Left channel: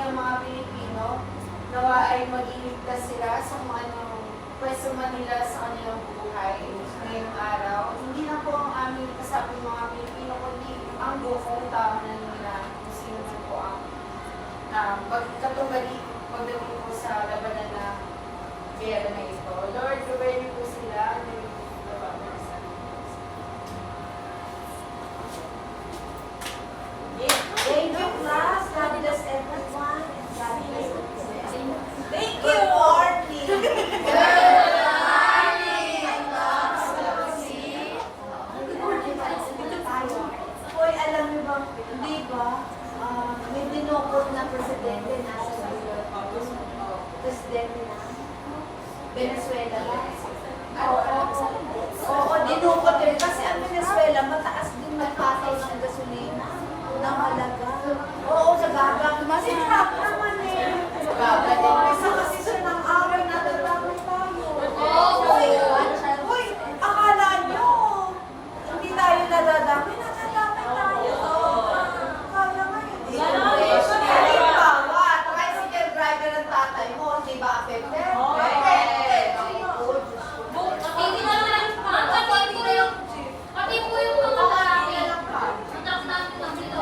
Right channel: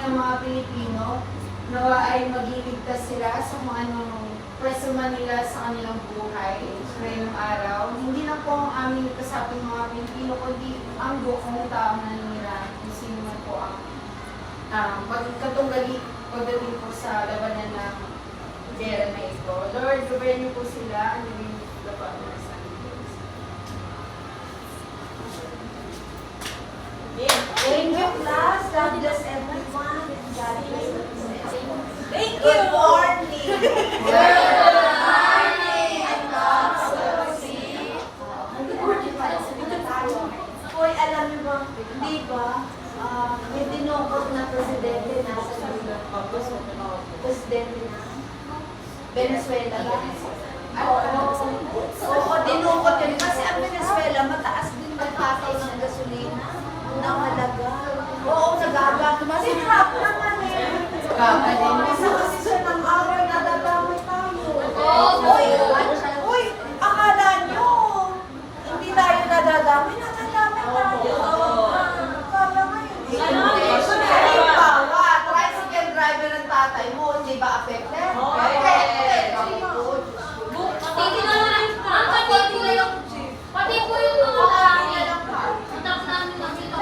ng mga Pilipino, nawa ay mag-iligtas sila sa kung anong personal nila sa kanilang buhay ngayong araw. Hindi na po ang aming kasaping mga Pilipino, kundi ang buong tahanan nila kung sino po ang magkatunggali po sa labanan ng gera na ito. Lord, gawin niyo po sila, gawin niyo po labanan sa Diyos. Thank you, class. God bless everyone. God bless everyone. Thank you, Warnie. Hoy, alam niyo ba, di ba, may dinukot na presidente na sa presidente na Venezuela. Oo, dinukot yun. Kasi ang Venezuela, mataas din magpatay ng gasolina. Unang halaga. Oo, nag-aabang. Sinrap naman eh. Isa kasi siya ng away, nadadamay tayo. Uy, akala niyo, hindi tayo nadadamay, nadadamay tayo. Kaya ngayon. Halimbawa, tricycle driver ng tatay mo, hindi ba affected?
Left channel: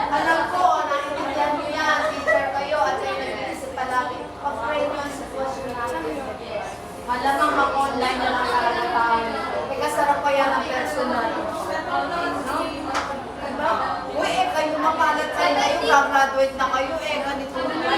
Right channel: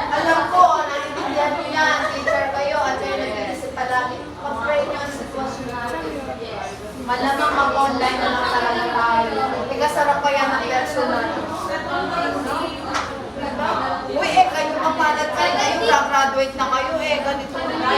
Alam ko, naiintindihan niyo yan, teacher kayo, at nag-iisip pa lang, pag-pray niyo ang sitwasyon natin. Malamang mag-online na lang tayo. Ikasarap pa yan ang personal. Uy, kayo mapalat kayo na yung graduate na kayo, ganito na.